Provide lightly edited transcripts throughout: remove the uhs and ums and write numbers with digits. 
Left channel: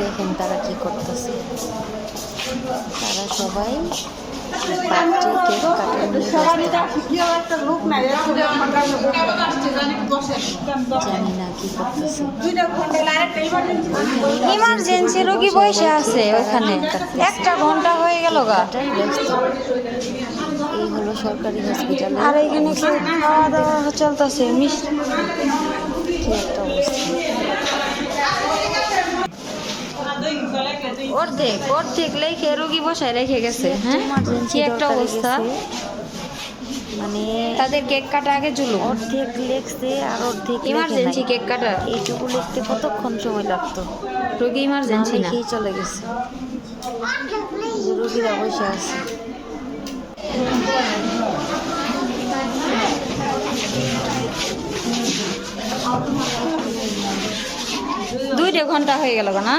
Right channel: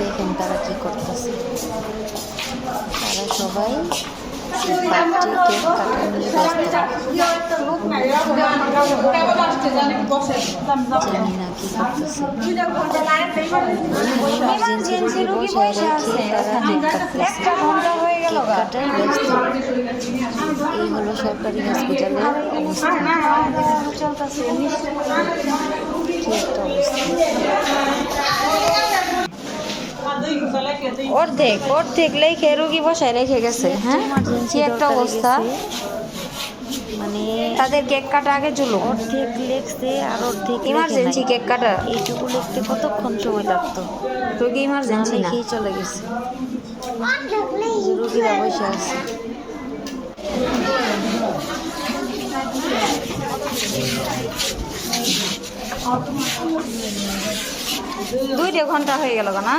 দেখেন তারা কি করতেছে, তারা সবাই বার্থডে কেক কাটা নিয়ে ব্যস্ত। জানি না কি করতেছে, ইমার্জেন্সি রোগী বসে আছে ওখানে, একটা ঘন্টা হয়ে গেল কাটাই ব্যস্ত। এই হলো সরকারি হসপিটালের অবস্থা, চলতেছে কি একটা অবস্থা। অর্ধেক লেখে রোগী বসায় রেখে গেছে। হ্যাঁ, কি একটা অবস্থা। মানে তাদের কেক কাটা আগে চলো, অর্ধেক লেখছে আর অর্ধেক ইমার্জেন্সি কেক কাটা। এইটুকু লিখতে কতক্ষণ সময় লাগতো? রোগী ইমার্জেন্সি লিখেই চলে গেছে, রোগীরা বসে আছে। দুইটা ঘন্টা হয়ে গেল না?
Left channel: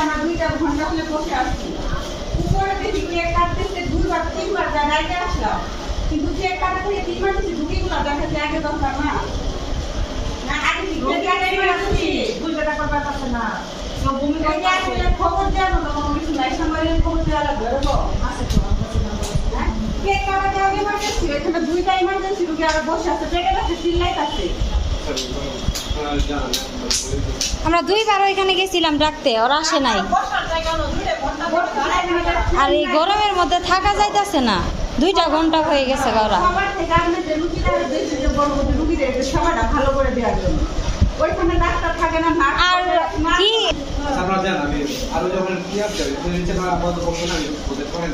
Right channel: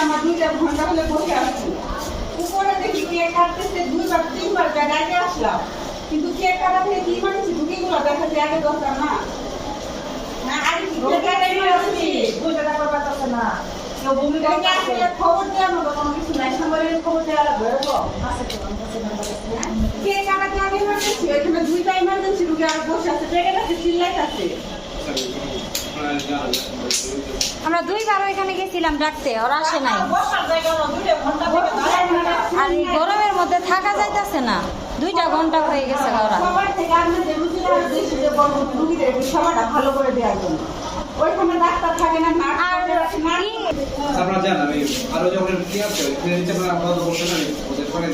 আমার 2টা ঘন্টা হলে বসে আসছি, উপরে দেখি কেক কাটতে 2-3বার জায়গায় আসলাম, কিন্তু কেক কাটা থেকে কি মানছি ঢুকিগুলো দেখাচ্ছি আগে দরকার না। খবর দেওয়ার মতো কোনো কিছু নাই, সামনে খবর দেওয়া লাগবে। কেক কাটাতে আগে ইমার্জেন্সি, ওইখানে 2টা ইমার্জেন্সি রুগী আগে বসে আছে, পেটে আছে চিল্লাই আছে। আমরা 2বার ওইখানে গেছিলাম ডাকতে, ওরা আসে নাই। আর এই গরমের মধ্যে থাকা যাইতেছে না, 2টা ঘন্টা হয়ে গেছে। ওরা ভালো করে দেওয়ার জন্য ওইখানে ডাক্তার থাকে না। আর কি আপনারা জানেন আমি আরো যখন কি আছে নিচে আমরা আপাতত বসে না ওদের করেন